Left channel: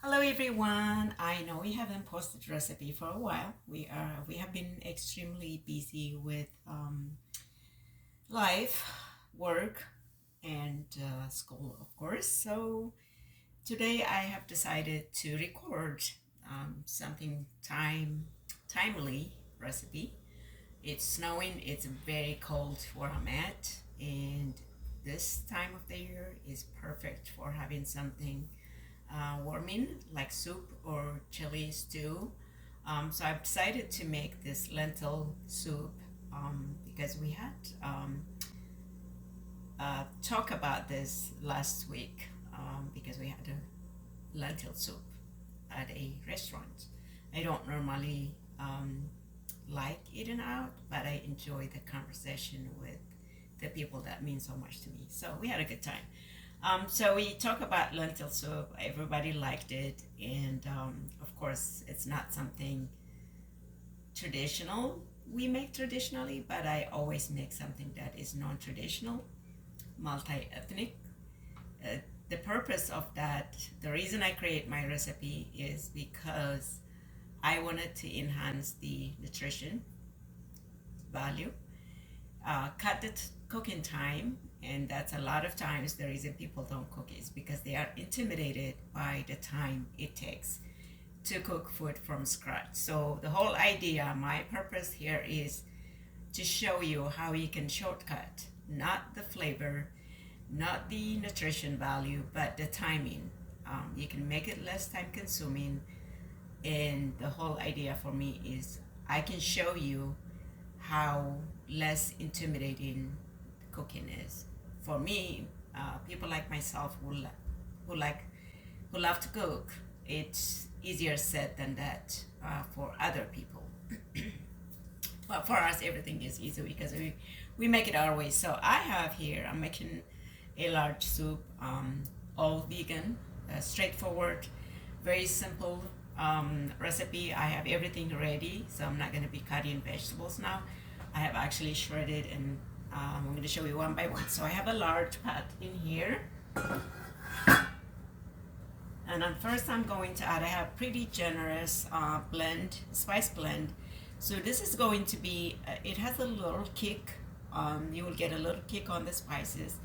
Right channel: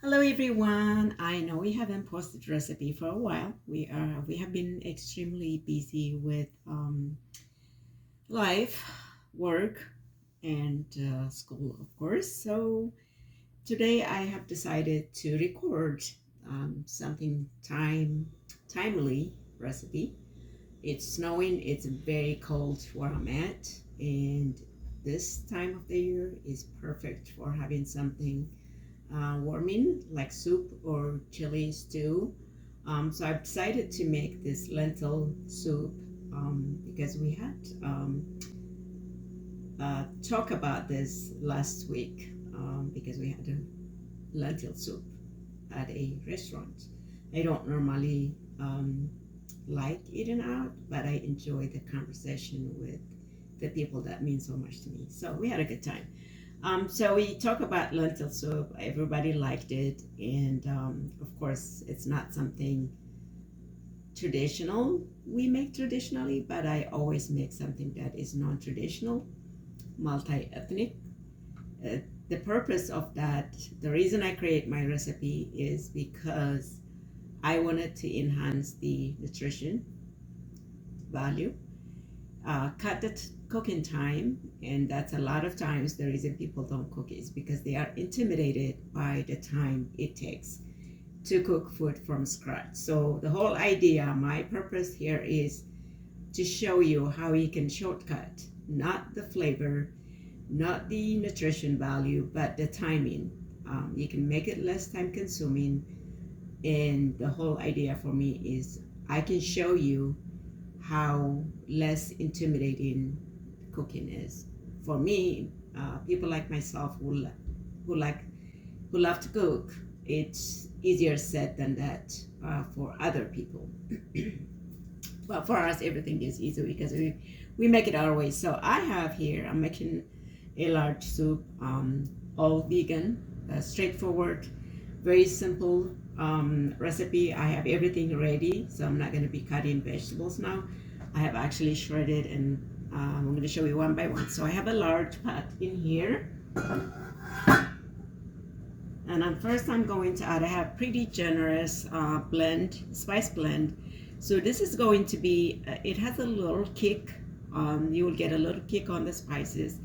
Hello everyone. I know we haven't posted recipe for a while. We have been extremely busy with life, work, and school, of course. So today I have decided to record something timely recipe. It's snowing. It's very cold where I'm at, and this time of the year is perfect for having something warming like soup or chili stew. So I've decided to make this lentil soup because we had talk about this last week because we had a lentil soup at a restaurant. I don't normally like eating out, but I enjoy the conversation with the people that mean so much to me. So we had a good time. So we talk about lentil soup. Everybody liked it, and of course, it's not something traditional we make traditionally, but I always make something that is non-traditional, multi-ethnic. The purpose of that, the reason I create my recipe is because I wanted to enhance the nutrition value, cut the cooking time, and that's a lot of times the reason people don't cook is because they are intimidated by the time it takes to cook food from scratch. So the whole idea, my purpose here is to show you how you can shortcut, not the flavor, not the nutrition value, but the timing. You can make it less time consuming, and the whole idea for me is I can show you how less intimidating cooking is. For me, people like myself who like who love to cook, it's easier said than that for other people. But for us, everything is easy because we make it our way. So I have here, I'm making a large soup, all vegan, straightforward, very simple recipe. I have everything ready, so I'm not going to be cutting vegetables now. I have actually shredded, and I'm going to show you one by one. So I have a large pot in here, and first I'm going to add, I have pretty generous spice blend. So this is going to be, it has a little kick. You will get a little kick on the spices.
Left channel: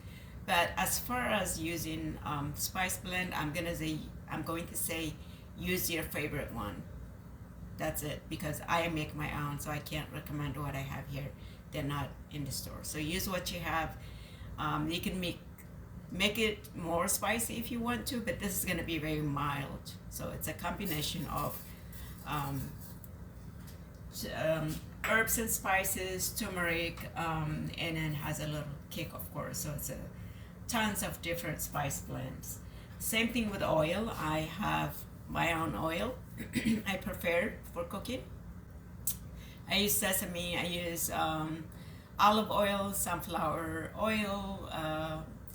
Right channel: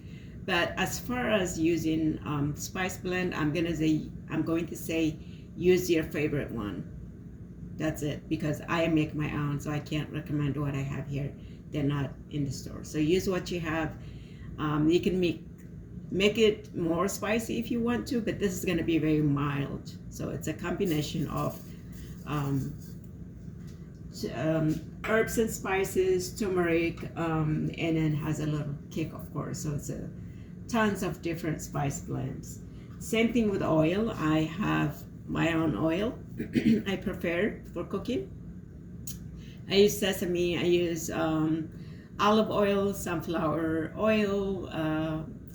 But as far as using spice blend, I'm going to say use your favorite one. That's it, because I make my own, so I can't recommend what I have here. They're not in the store. So use what you have. You can make it more spicy if you want to, but this is going to be very mild. So it's a combination of herbs and spices, turmeric, and then has a little kick, of course. So it's tons of different spice blends. Same thing with oil. I have my own oil. I prefer for cooking. I use sesame. I use olive oil, sunflower oil,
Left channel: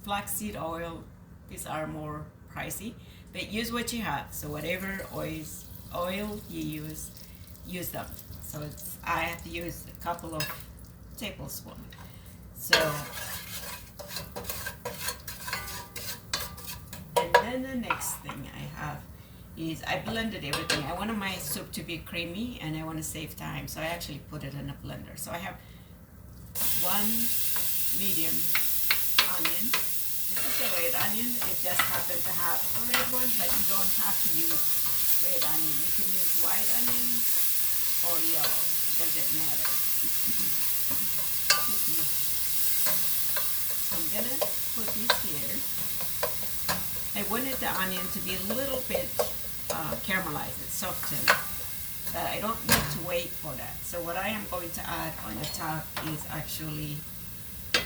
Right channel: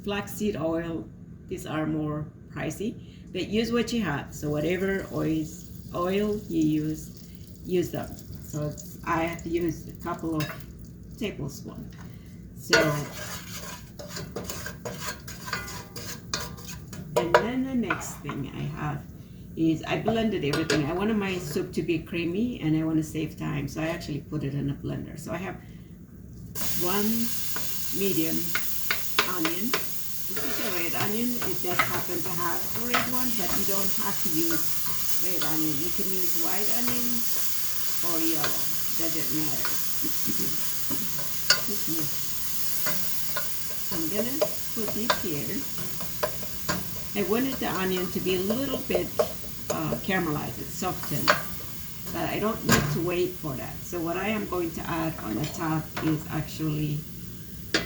flaxseed oil. These are more pricey, but use what you have. So whatever oil you use them. So I have to use a couple of tablespoons. So, and then the next thing I have is I blended everything. I wanted my soup to be creamy, and I want to save time, so I actually put it in a blender. So I have one medium onion. This is a red onion. It just happens to have a red one, but you don't have to use red onion. You can use white onion or yellow. Doesn't matter. I'm gonna put these here. I wanted the onion to be a little bit caramelized, it's softened, but I don't need to wait for that. So what I am going to add on the top is actually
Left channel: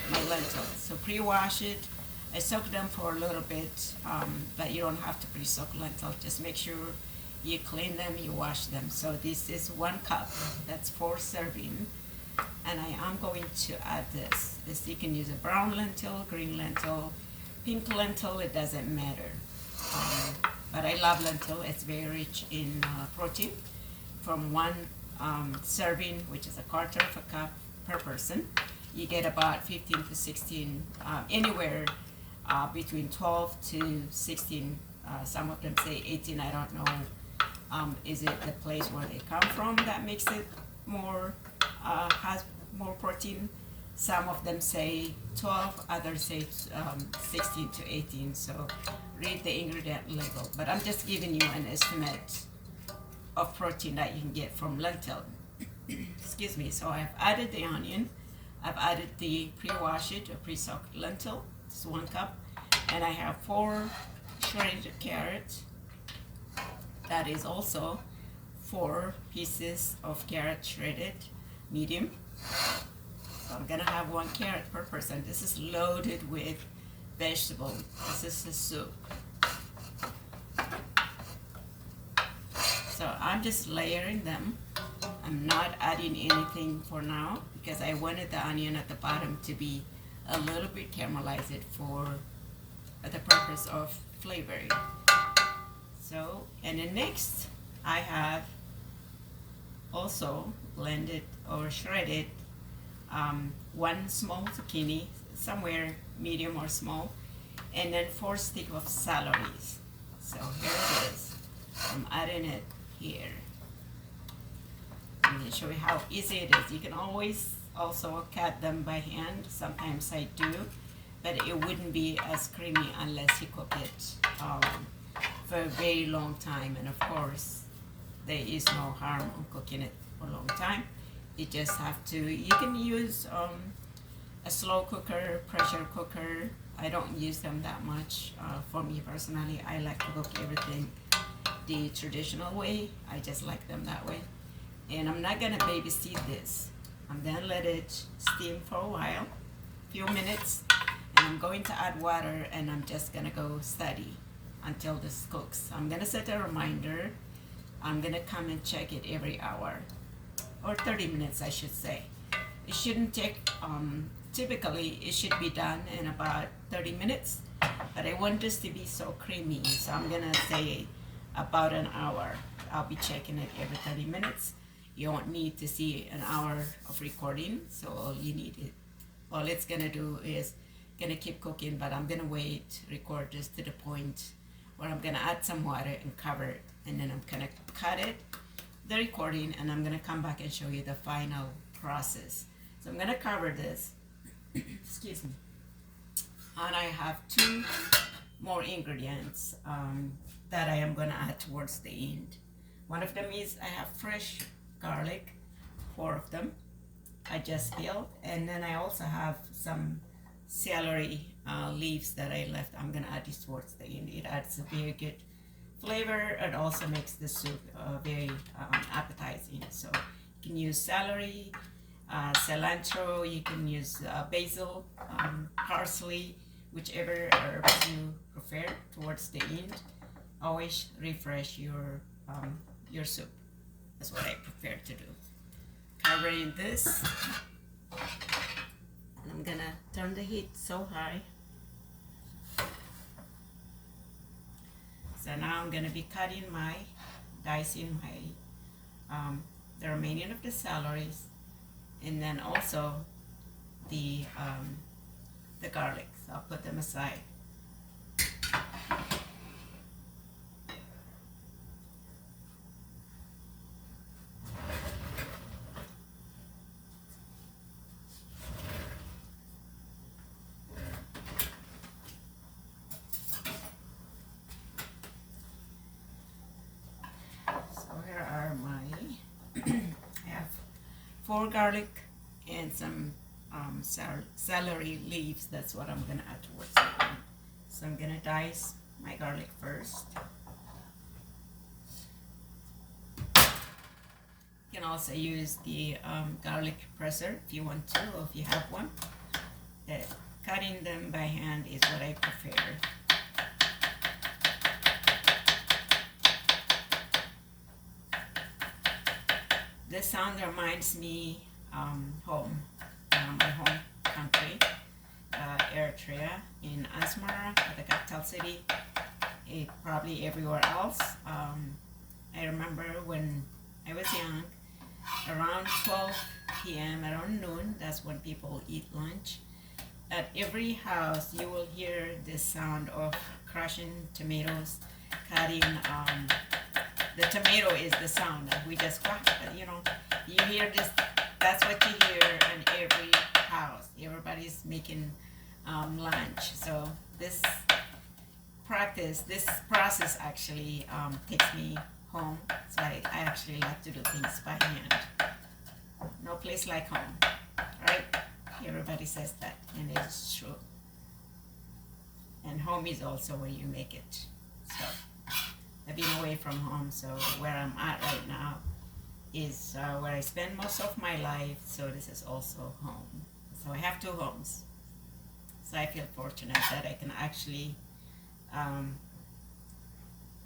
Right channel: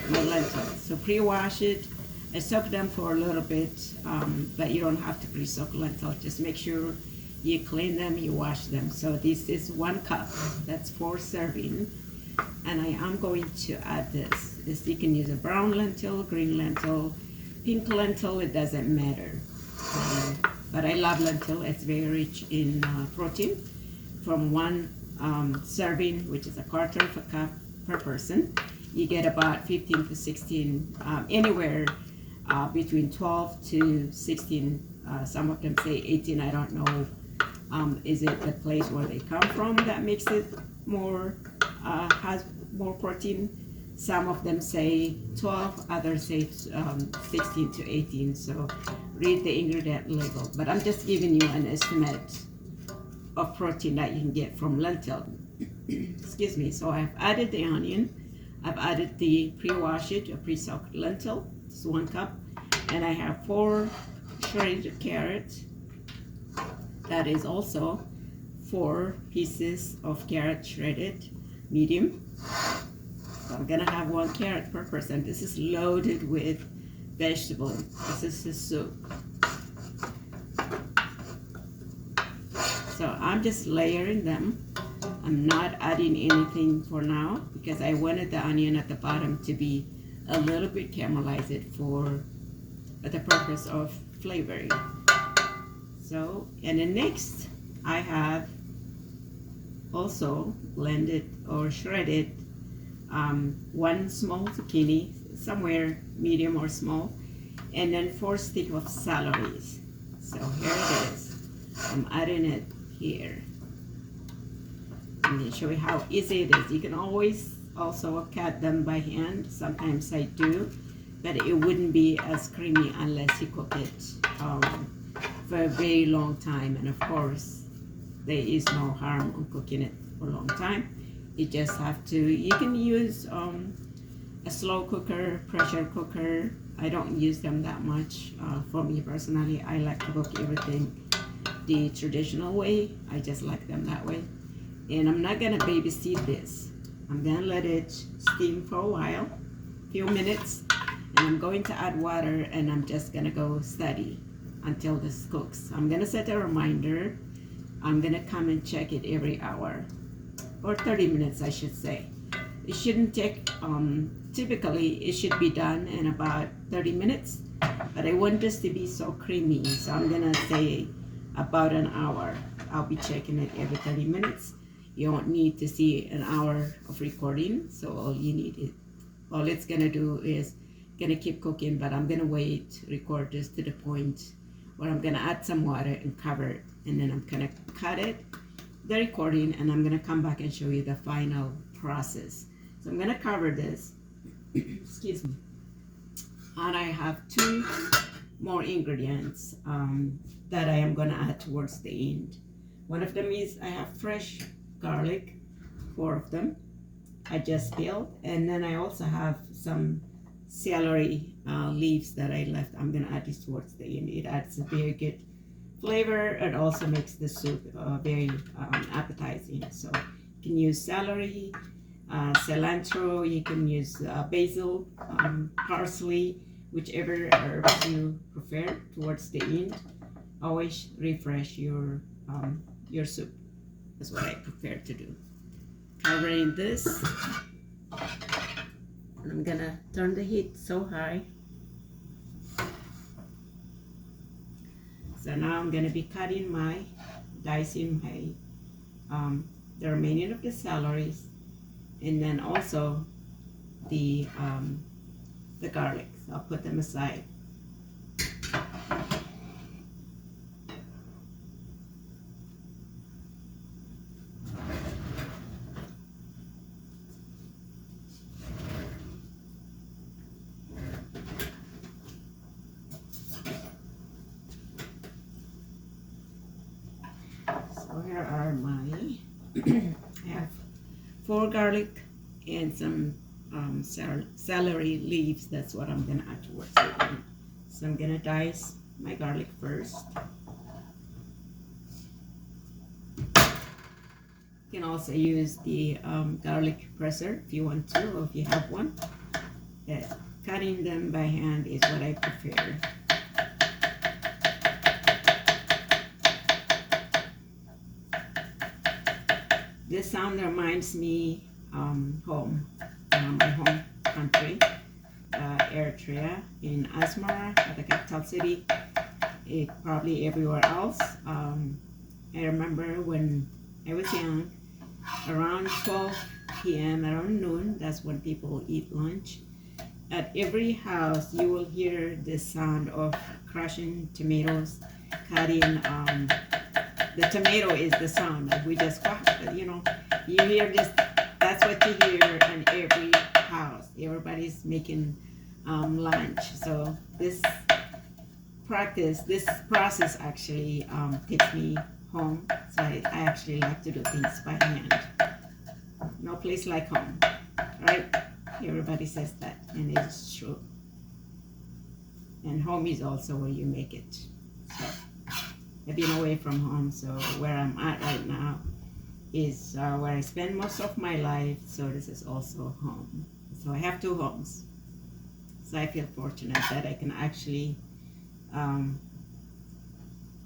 my lentils. So pre-wash it. I soak them for a little bit, but you don't have to pre-soak lentils. Just make sure you clean them, you wash them. So this is 1 cup. That's 4 serving. And I am going to add this. You can use a brown lentil, green lentil, pink lentil, it doesn't matter. But I love lentil. It's very rich in protein. From 1 serving, which is a quarter of a cup per person, you get about 15 to 16, anywhere between 12 to 16. Some of them say 18. I don't know. Is it the place where they come from that makes it more, has more protein? Some of them say 12, others say 16 to 18. So read the ingredient label. But I'm just giving you an estimate of protein that you can get from lentil. Excuse me. So I've added the onion. I've added the pre-washed or pre-soaked lentil. It's 1 cup. And I have 4 shredded carrots. That is also 4 pieces of carrot shredded, medium. So I'm gonna have 1 carrot per person. This is loaded with vegetables. This is the soup. So I'm just layering them. I'm not adding anything for now because I wanted the onion at the bottom to be a little bit caramelized for the purpose of flavoring. So, and then next I have also blended or shredded 1 small zucchini, somewhere medium or small, and then 4 sticks of celeries. So here it is. I'm adding it here. I'm going to show you how easy it is. You can always also cut them by hand. Sometimes I do, but it wouldn't be as creamy unless you cook it for a very long time. And of course, there is no harm on cooking it for a long time. You just have to, you can use a slow cooker, pressure cooker. I don't use them that much. For me personally, I like to cook everything the traditional way. I just like them that way. And I'm not gonna babysit this. I'm gonna let it steam for a while, few minutes, and I'm going to add water, and I'm just gonna go steady until this cooks. I'm gonna set a reminder. I'm gonna come and check it every hour, or 30 minutes I should say. It shouldn't take, typically it should be done in about 30 minutes, but I want this to be so creamy, so I'm gonna say about an hour. I'll be checking it every 30 minutes. You don't need to see an hour of recording, so all it's gonna do is gonna keep cooking, but I'm gonna record this to the point where I'm gonna add some water and cover it, and then I'm gonna cut it, the recording, and I'm gonna come back and show you the final process. So I'm gonna cover this, excuse me, and I have 2 more ingredients that I am gonna add towards the end. One of them is I have fresh garlic, 4 of them. I just peeled, and then I also have some celery leaves that I left. I'm gonna add this towards the end. It adds a very good flavor. It also makes the soup very appetizing. So you can use celery, cilantro, you can use basil, parsley, whichever herbs you prefer towards the end. Always refresh your soup. That's what I prefer to do. Covering this, and I'm gonna turn the heat so high. So now I'm gonna be dicing the remaining of the celeries, and then also the garlic. So I'll put them aside. So here are my, I have 4 garlic and some celery leaves. That's what I'm gonna add towards the end. So I'm gonna dice my garlic first. You can also use the garlic presser if you want to, or if you have one. Cutting them by hand is what I prefer. This sound reminds me home, my home country, Eritrea, in Asmara, at the capital city. Probably everywhere else. I remember when I was young, around 12 p.m., around noon, that's when people eat lunch. at every house you will hear the sound of crushing tomatoes, cutting. The tomato is the sound. Like we just, you hear this. That's what you hear in every house. Everybody's making lunch. So this process actually takes me home. So I actually like to do things by hand. No place like home, right? Everybody says that, and it's true. And home is also where you make it. So I've been away from home, so where I'm at right now is where I spend most of my life. So this is also home. So I have two homes. So I feel fortunate that I can actually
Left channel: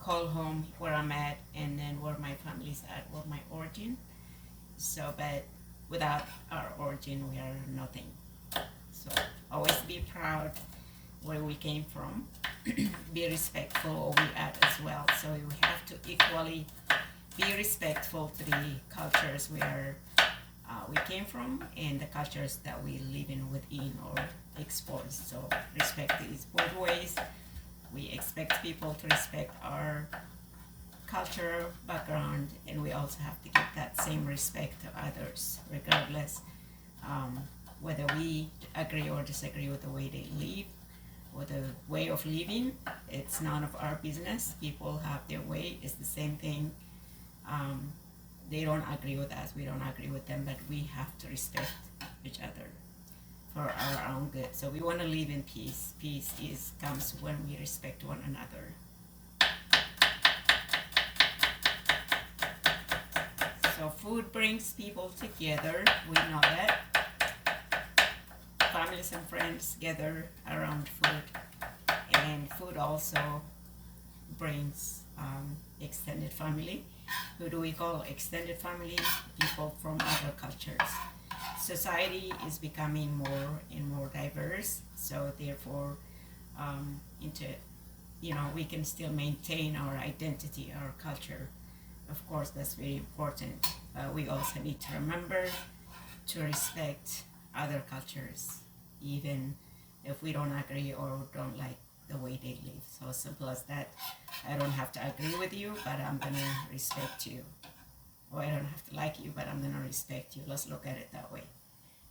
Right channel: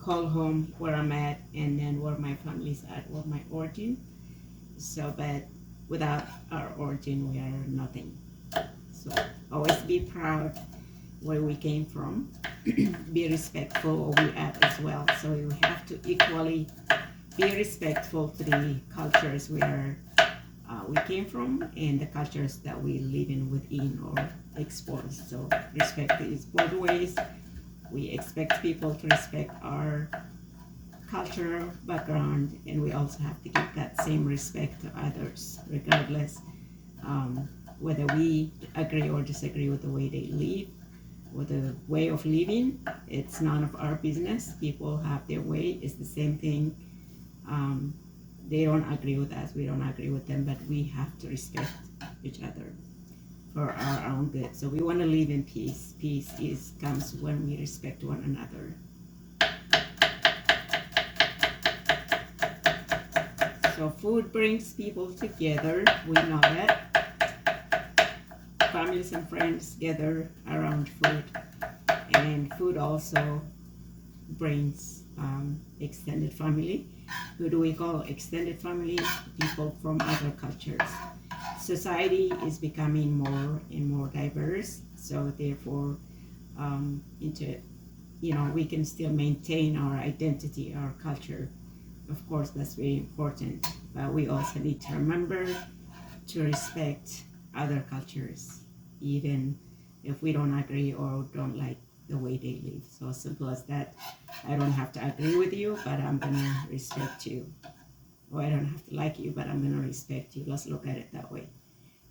call home where I'm at, and then where my family's at, where my origin. So, but without our origin, we are nothing. So always be proud where we came from. Be respectful where we at as well. So we have to equally be respectful to the cultures where we came from and the cultures that we live in within or expose. So respect is both ways. We expect people to respect our culture background, and we also have to give that same respect to others, regardless whether we agree or disagree with the way they live or the way of living. It's none of our business. People have their way. It's the same thing. They don't agree with us, we don't agree with them, but we have to respect each other for our own good. So we want to live in peace. Peace comes when we respect one another. So food brings people together. We know that. Families and friends gather around food, and food also brings extended family. Who do we call extended family? People from other cultures. Society is becoming more and more diverse, so therefore we can still maintain our identity, our culture. Of course, that's very important, but we also need to remember to respect other cultures, even if we don't agree or don't like the way they live. So simple as that. I don't have to agree with you, but I'm gonna respect you. Or I don't have to like you, but I'm gonna respect you. Let's look at it that way.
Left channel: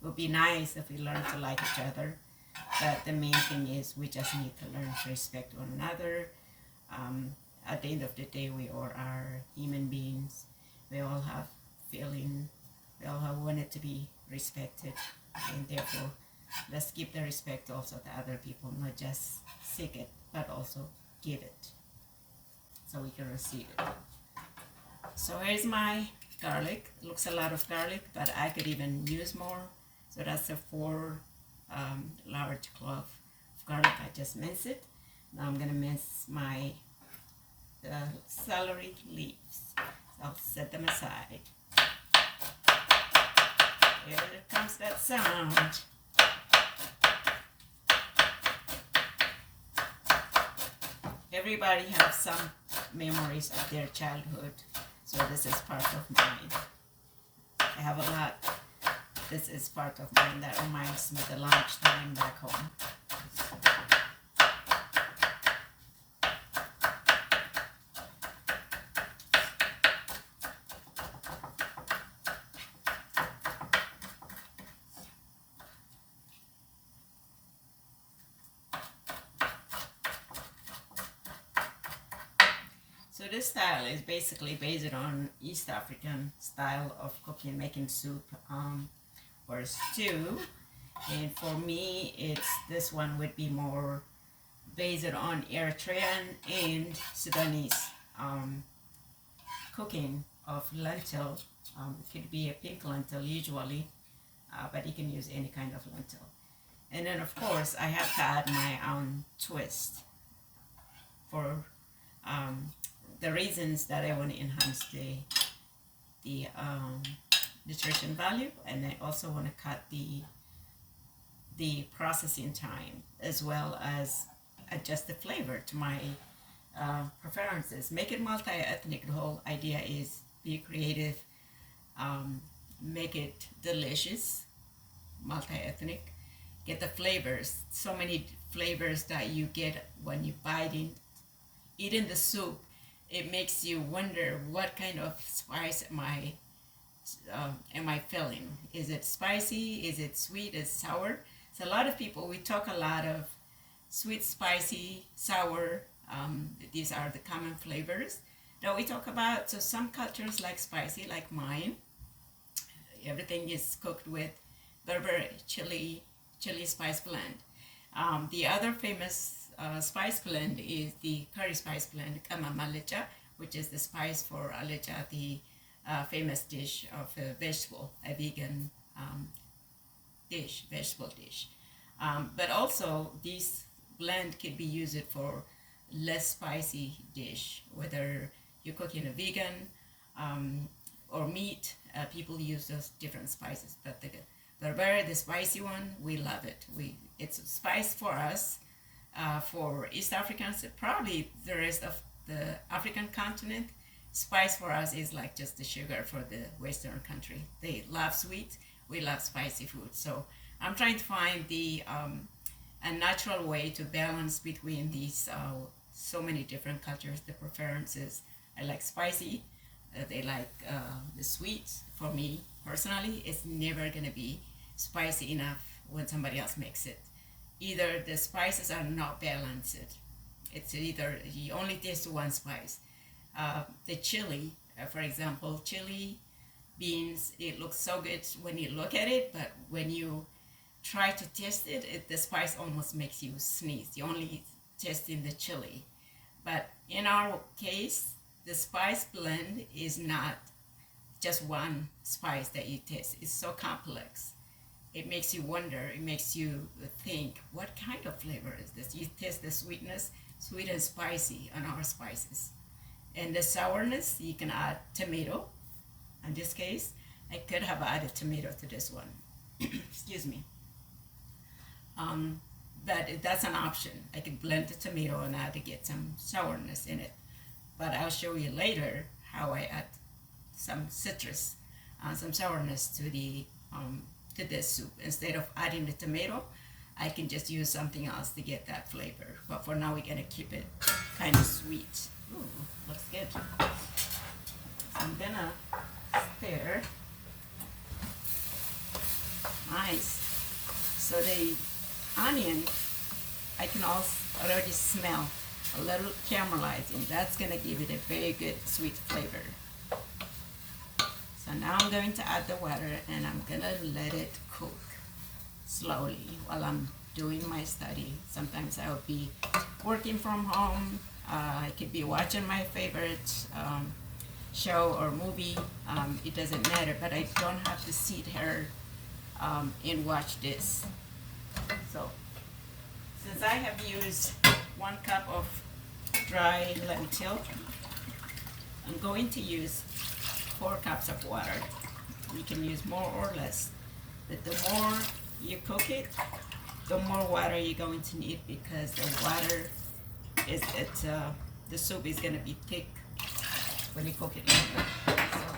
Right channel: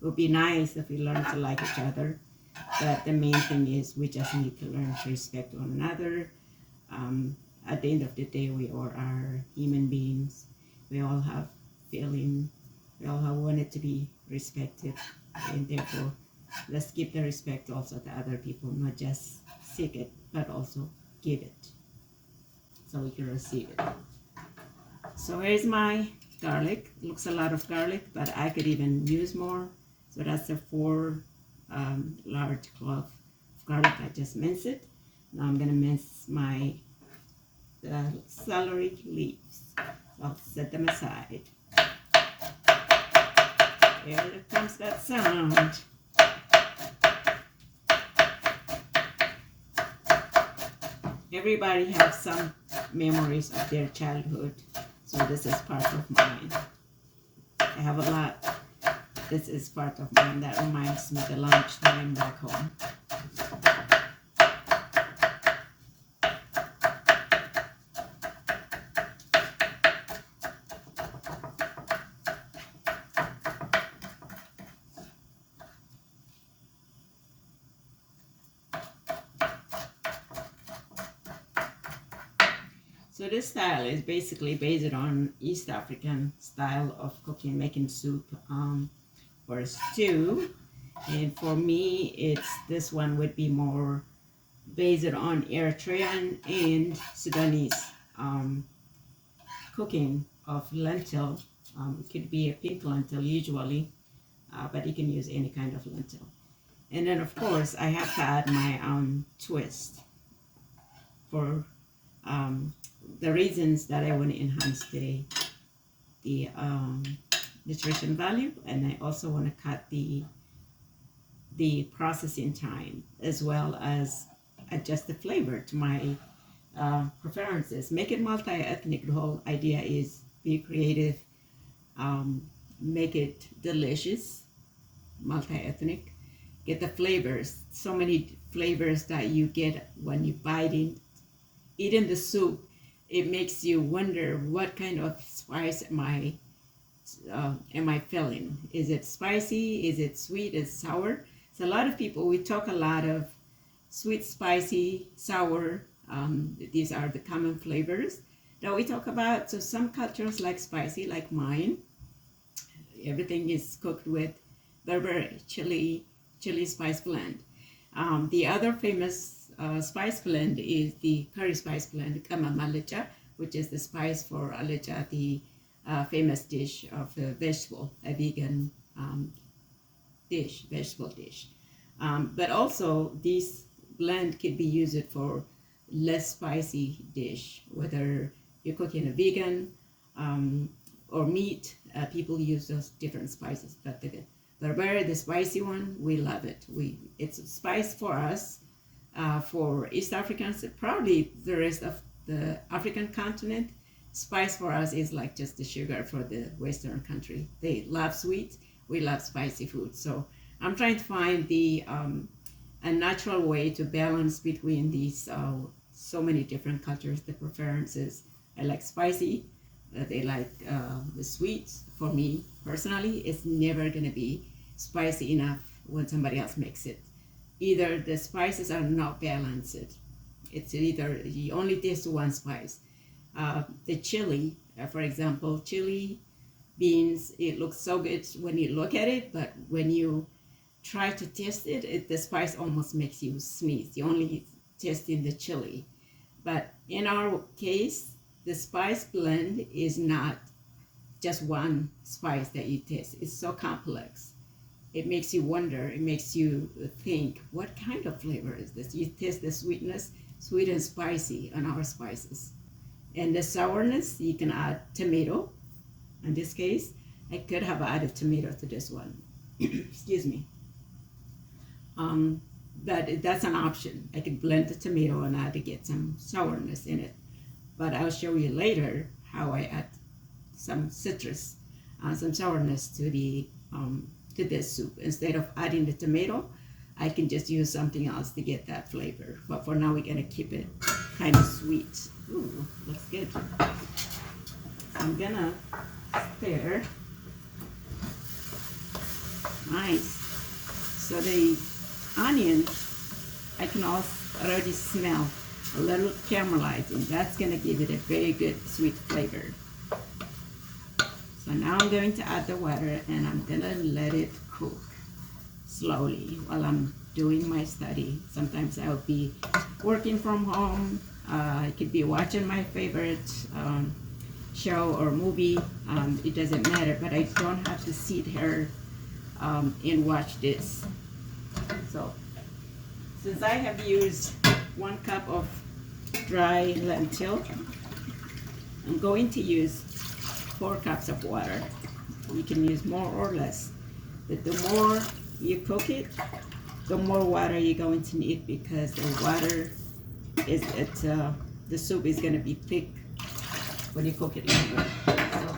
It would be nice if we learn to like each other, but the main thing is we just need to learn to respect one another. At the end of the day, we all are human beings. We all have feeling. We all have wanted to be respected, and therefore, let's give the respect also to other people, not just seek it, but also give it, so we can receive it. So here's my garlic. It looks a lot of garlic, but I could even use more. So that's a 4 large clove of garlic. I just minced it. Now I'm gonna mince my celery leaves. So I'll set them aside. Here comes that sound. Everybody has some memories of their childhood, so this is part of mine. I have a lot. This is part of mine that reminds me of the lunchtime back home. So this style is basically based on East African style of cooking, making soup or stew. And for me, this one would be more based on Eritrean and Sudanese cooking of lentil. It could be a pink lentil usually, but you can use any kind of lentil. And then of course I have to add my own twist for the reasons that I want to enhance the nutrition value, and I also want to cut the processing time, as well as adjust the flavor to my preferences. Make it multi-ethnic. The whole idea is be creative, make it delicious, multi-ethnic, get the flavors. So many flavors that you get when you eating the soup. It makes you wonder, what kind of spice am I feeling? Is it spicy? Is it sweet? Is it sour? So a lot of people, we talk a lot of sweet, spicy, sour. These are the common flavors that we talk about. So some cultures like spicy, like mine. Everything is cooked with Berber chili spice blend. The other famous spice blend is the curry spice blend, kamamalecha, which is the spice for alecha, the famous dish of a vegan vegetable dish. But also, this blend could be used for less spicy dish, whether you're cooking a vegan or meat. People use those different spices, but the spicy one, we love it. It's spice for us. For East Africans, probably the rest of the African continent, spice for us is like just the sugar for the Western country. They love sweet, we love spicy food. So I'm trying to find a natural way to balance between these so many different cultures, the preferences. I like spicy, they like the sweet. For me personally, it's never gonna be spicy enough when somebody else makes it. Either the spices are not balanced. It's either you only taste one spice. The chili, for example, chili beans, it looks so good when you look at it, but when you try to taste it, the spice almost makes you sneeze. You only taste in the chili. But in our case, the spice blend is not just one spice that you taste. It's so complex. It makes you wonder, it makes you think, what kind of flavor is this? You taste the sweetness, sweet and spicy on our spices. And the sourness, you can add tomato. In this case, I could have added tomato to this one. Excuse me. But that's an option. I could blend the tomato and add to get some sourness in it. But I'll show you later how I add some citrus, some sourness to this soup. Instead of adding the tomato, I can just use something else to get that flavor. But for now, we're gonna keep it kind of sweet. Ooh, looks good. So I'm gonna stir. Nice. So the onion, I can also already smell a little caramelizing. That's gonna give it a very good sweet flavor. So now I'm going to add the water and I'm gonna let it cook slowly while I'm doing my study. Sometimes I'll be working from home. I could be watching my favorite show or movie. It doesn't matter, but I don't have to sit here and watch this. So since I have used 1 cup of dry lentil, I'm going to use 4 cups of water. You can use more or less, but the more you cook it, the more water you're going to need, because the water is the soup is going to be thick when you cook it. So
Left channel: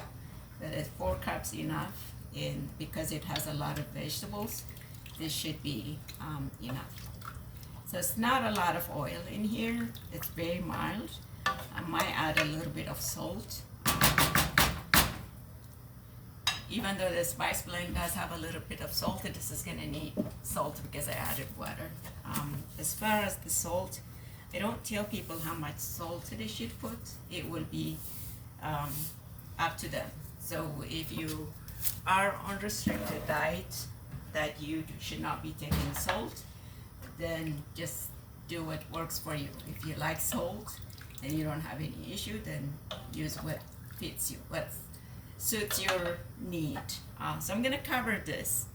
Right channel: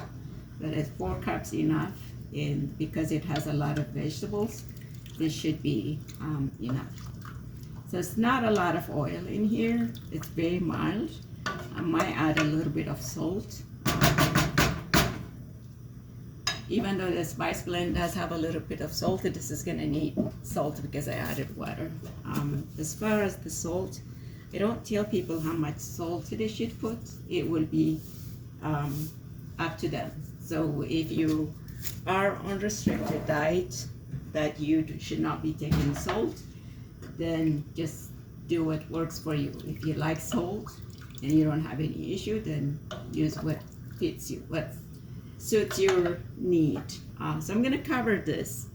that is 4 cups enough, and because it has a lot of vegetables, this should be enough. So it's not a lot of oil in here. It's very mild. I might add a little bit of salt. Even though the spice blend does have a little bit of salt, this is gonna need salt because I added water. As far as the salt, I don't tell people how much salt they should put. It will be up to them. So if you are on restricted diet that you should not be taking salt, then just do what works for you. If you like salt and you don't have any issue, then use what fits you, what suits your need. So I'm gonna cover this.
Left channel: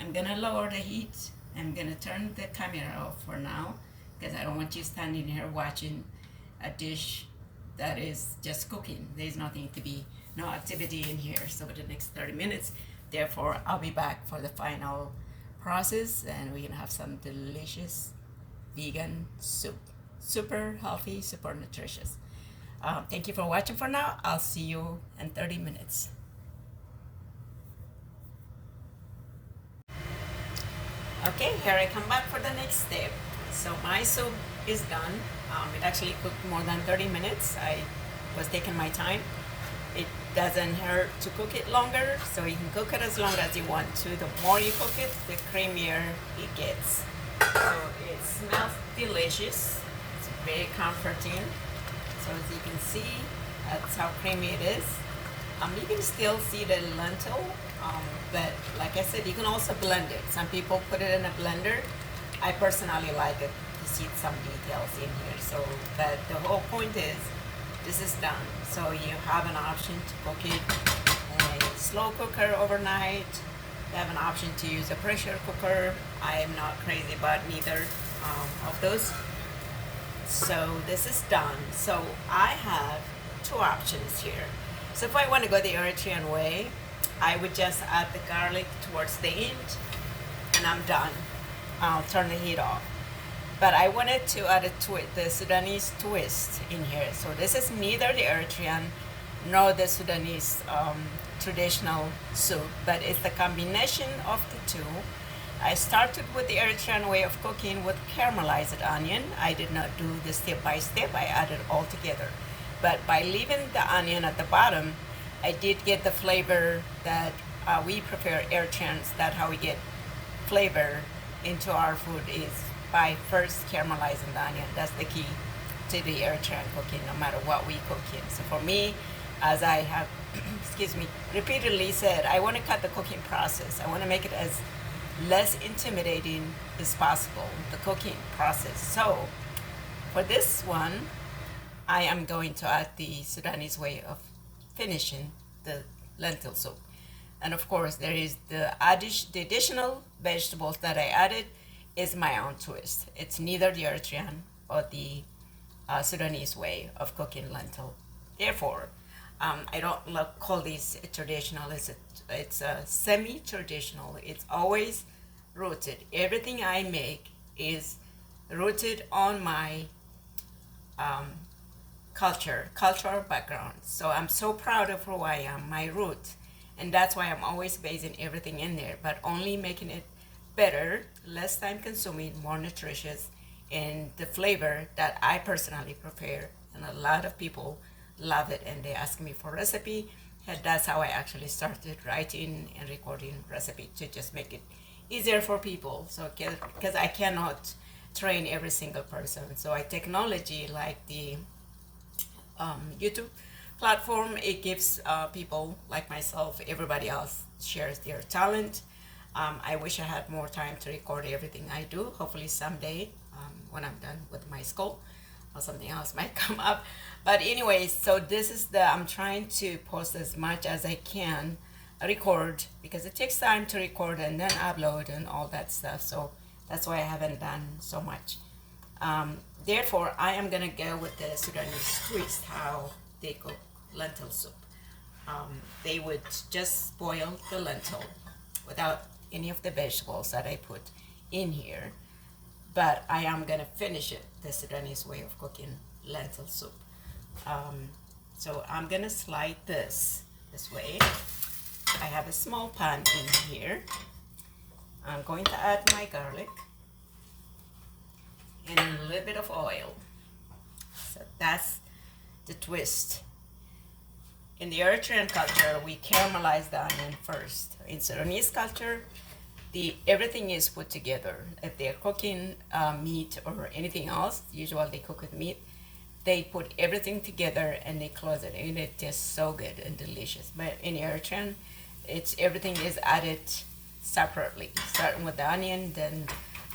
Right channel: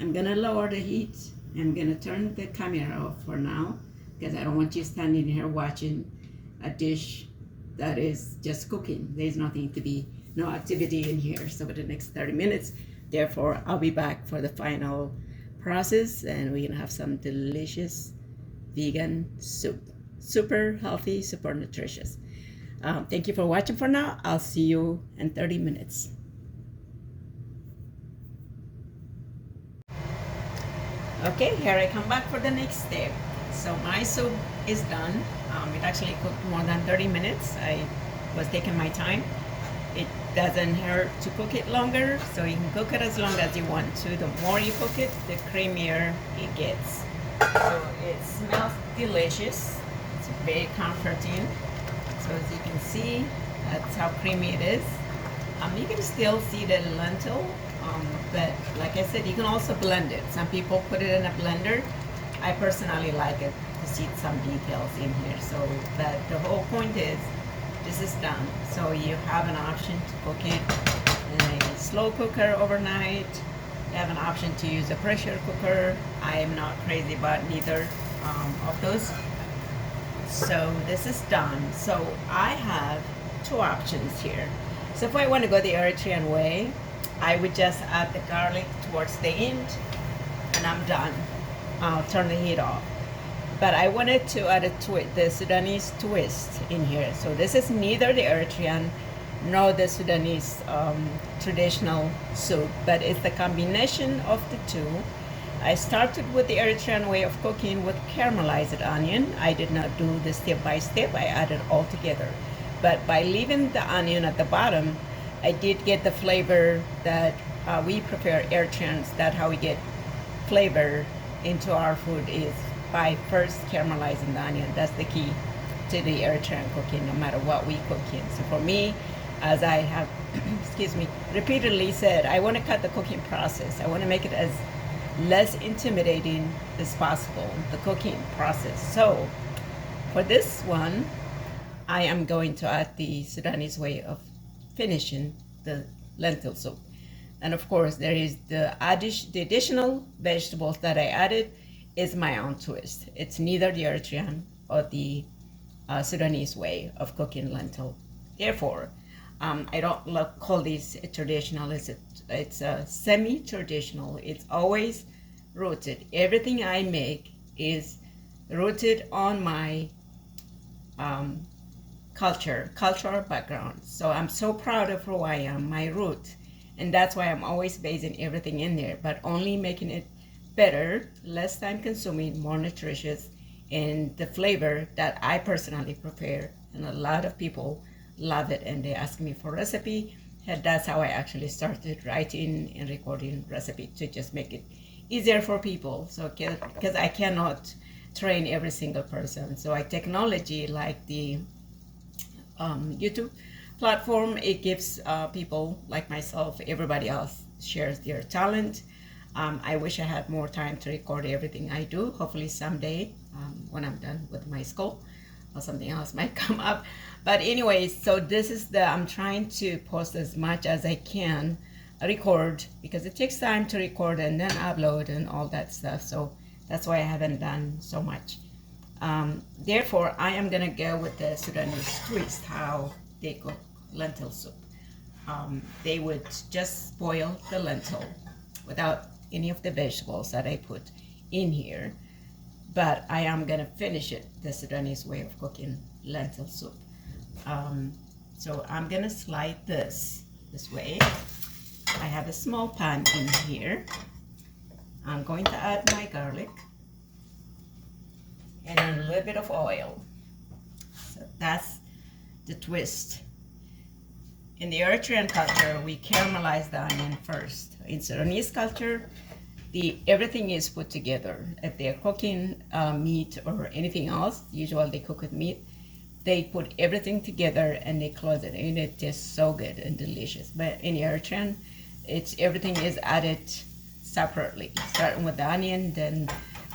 I'm gonna lower the heat. I'm gonna turn the camera off for now, because I don't want you standing here watching a dish that is just cooking. There's nothing to be, no activity in here. So for the next 30 minutes, therefore I'll be back for the final process, and we're gonna have some delicious vegan soup. Super healthy, super nutritious. Thank you for watching for now. I'll see you in 30 minutes. Okay, here I come back for the next step. So my soup is done. It actually cooked more than 30 minutes. I was taking my time. It doesn't hurt to cook it longer, so you can cook it as long as you want to. The more you cook it, the creamier it gets. So it smells delicious. It's very comforting. So as you can see, that's how creamy it is. You can still see the lentil, but like I said, you can also blend it. Some people put it in a blender. I personally like it to see some details in here. So, but the whole point is, this is done. So you have an option to cook it in a slow cooker overnight. You have an option to use a pressure cooker. I am not crazy about neither of those. So this is done. So I have two options here. So if I want to go the Eritrean way, I would just add the garlic towards the end and I'm done. I'll turn the heat off. But I wanted to add the Sudanese twist in here. So this is neither the Eritrean nor the Sudanese traditional soup, but it's the combination of the two. I started with the Eritrean way of cooking with caramelized onion. I did not do the step by step, I added all together. But by leaving the onion at the bottom, I did get the flavor that we prefer Eritreans. That's how we get flavor into our food, is by first caramelizing the onion. That's the key to the Eritrean cooking, no matter what we cook in. So for me, as I have, excuse me, repeatedly said, I want to cut the cooking process. I want to make it as less intimidating as possible, the cooking process. So for this one, I am going to add the Sudanese way of finishing the lentil soup. And of course, there is the additional vegetables that I added is my own twist. It's neither the Eritrean or the Sudanese way of cooking lentil. Therefore, I don't call these traditional. It's a semi-traditional. It's always rooted. Everything I make is rooted on my cultural background. So I'm so proud of who I am, my root, and that's why I'm always basing everything in there, but only making it better, less time consuming, more nutritious, and the flavor that I personally prefer. And a lot of people love it, and they ask me for recipe, and that's how I actually started writing and recording recipe, to just make it easier for people. So because I cannot train every single person, so I technology like the YouTube platform, it gives people like myself, everybody else shares their talent. I wish I had more time to record everything I do. Hopefully someday, when I'm done with my school, or something else might come up. But anyways, so this is I'm trying to post as much as I can, record, because it takes time to record and then upload and all that stuff. So that's why I haven't done so much. Therefore, I am gonna go with the Sudanese twist, how they cook lentil soup. They would just boil the lentil without any of the vegetables that I put in here, but I am gonna finish it the Sudanese way of cooking lentil soup. So I'm gonna slide this way. I have a small pan in here. I'm going to add my garlic and a little bit of oil. So that's the twist. In the Eritrean culture, we caramelize the onion first. In Sudanese culture, everything is put together. If they're cooking meat or anything else, usually they cook with meat, they put everything together and they close it, and it tastes so good and delicious. But in Eritrean, everything is added separately, starting with the onion, then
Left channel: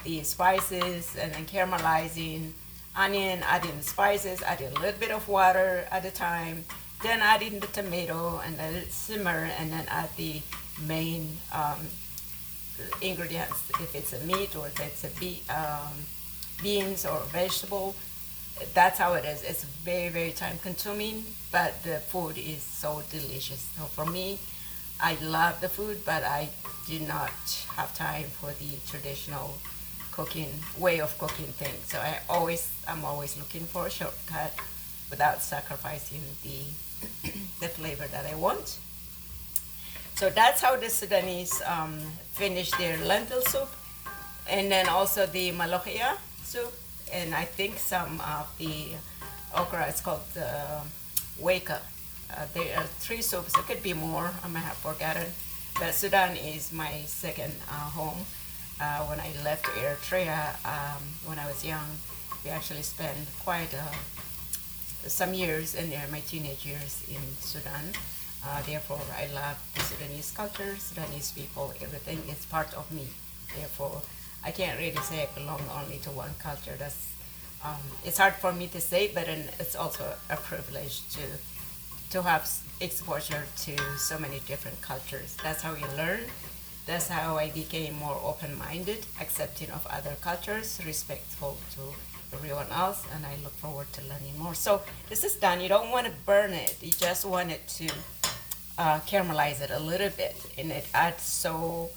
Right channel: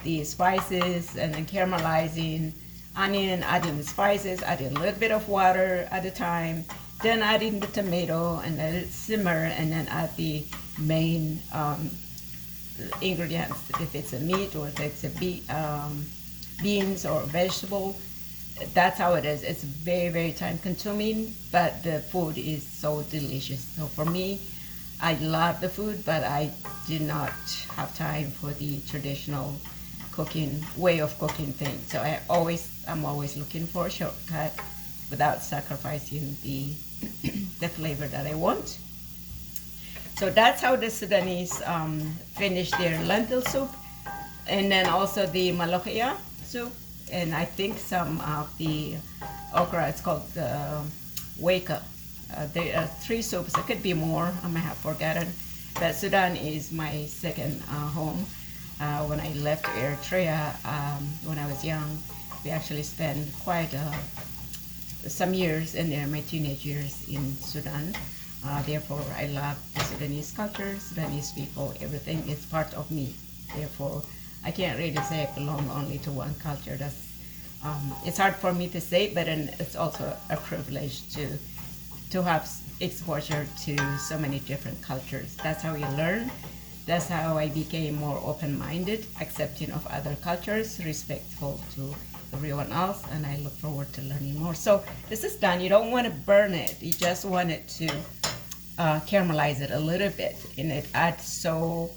the spices, and then caramelizing onion, adding the spices, adding a little bit of water at a time, then adding the tomato and let it simmer, and then add the main ingredients, if it's a meat or if it's a beans or vegetable. That's how it is. It's very, very time consuming, but the food is so delicious. So for me, I love the food, but I did not have time for the traditional cooking way of cooking things. So I'm always looking for a shortcut without sacrificing the the flavor that I want. So that's how the Sudanese finish their lentil soup. And then also the malokhia soup, and I think some of the okra. It's called the weka. There are three soups. It could be more. I may have forgotten. But Sudan is my second home. When I left Eritrea when I was young, we actually spent quite some years in there, my teenage years in Sudan. Therefore, I love Sudanese culture, Sudanese people. Everything is part of me. Therefore, I can't really say I belong only to one culture. It's hard for me to say, but it's also a privilege to have exposure to so many different cultures. That's how you learn. That's how I became more open-minded, accepting of other cultures, respectful to everyone else, and I look forward to learning more. So this is done. You don't want to burn it. You just want it to caramelize it a little bit, and it adds so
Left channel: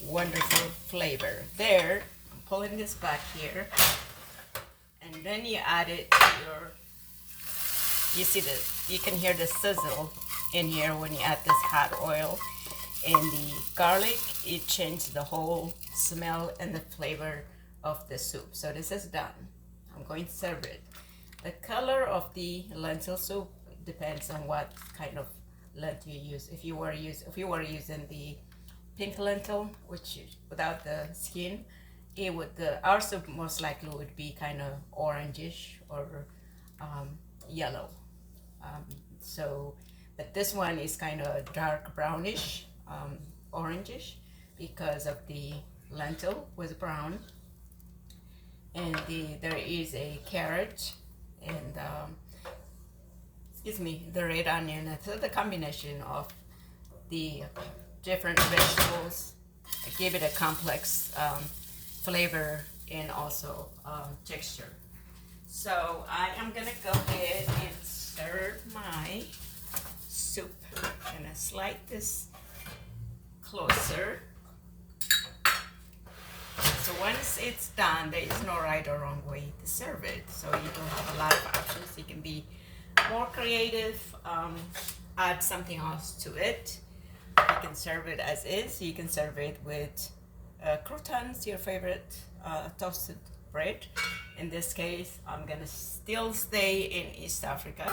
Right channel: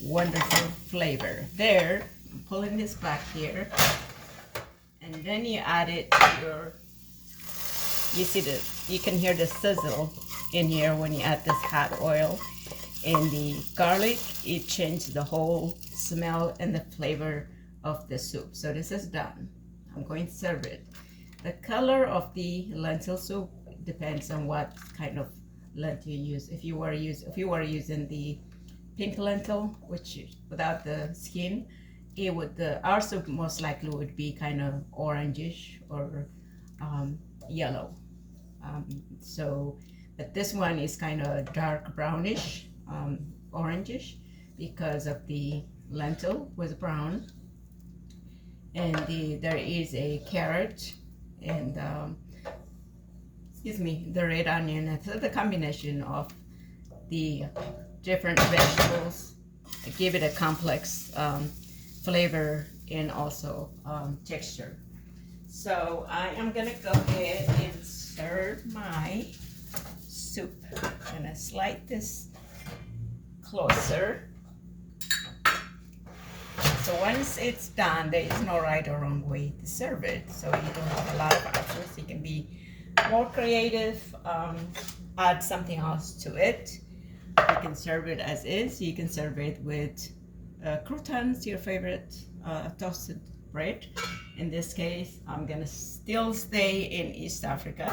wonderful flavor. There, I'm pulling this back here, and then you add it to your, you see you can hear the sizzle in here when you add this hot oil. And the garlic, it changed the whole smell and the flavor of the soup. So this is done. I'm going to serve it. The color of the lentil soup depends on what kind of lentil you use. If you were using the pink lentil, which without the skin, it would our soup most likely would be kind of orangish or yellow. But this one is kind of dark brownish. Orangish because of the lentil was brown, and there is a carrot and the red onion. So the combination of the different vegetables give it a complex flavor and also texture. So I am gonna go ahead and serve my soup. I'm gonna slide this closer. So once it's done, there is no right or wrong way to serve it. So you don't have a lot of options. You can be more creative, add something else to it. You can serve it as is. You can serve it with croutons, your favorite toasted bread. In this case, I'm gonna still stay in East Africa,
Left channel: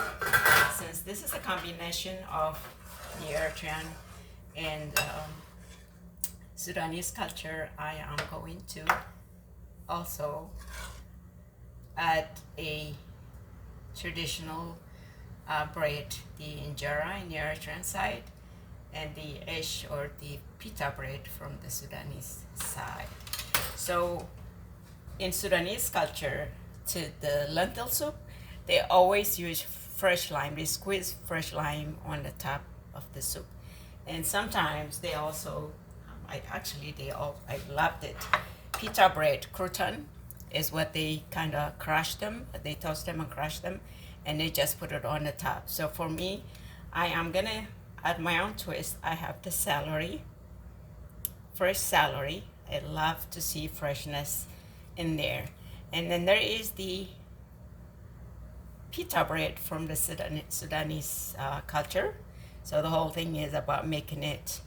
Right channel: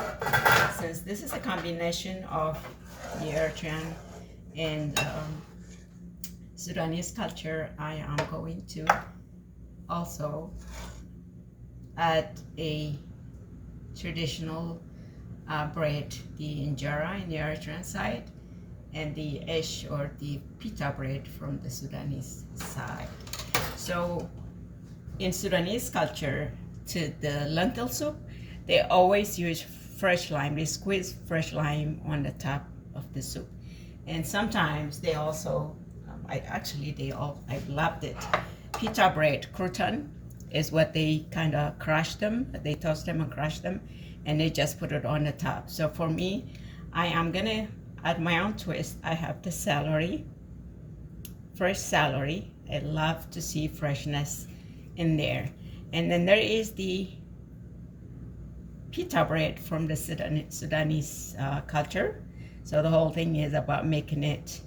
since this is a combination of the Eritrean and Sudanese culture. I am going to also add a traditional bread, the injera in the Eritrean side, and the esh or the pita bread from the Sudanese side. So in Sudanese culture, to the lentil soup, they always use fresh lime. They squeeze fresh lime on the top of the soup. And sometimes they also, I loved it. Pita bread, crouton, is what they kind of crush them. They toast them and crush them, and they just put it on the top. So for me, I am gonna add my own twist. I have the celery, fresh celery. I love to see freshness in there. And then there is the pita bread from the Sudanese culture. So the whole thing is about making it,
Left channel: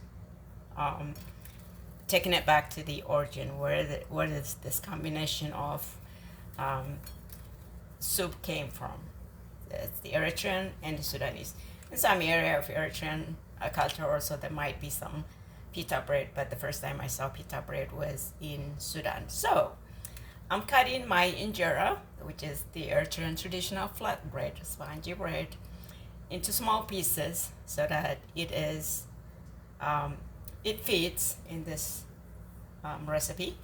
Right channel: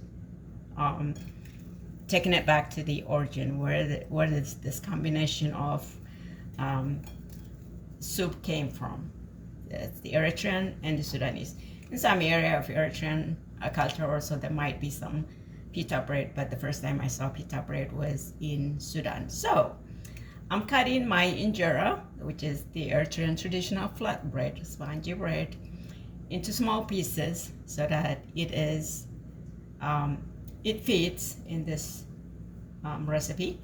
taking it back to the origin, where this combination of soup came from. It's the Eritrean and the Sudanese. In some area of Eritrean culture also, there might be some pita bread, but the first time I saw pita bread was in Sudan. So I'm cutting my injera, which is the Eritrean traditional flat bread, spongy bread, into small pieces so that it is it fits in this recipe.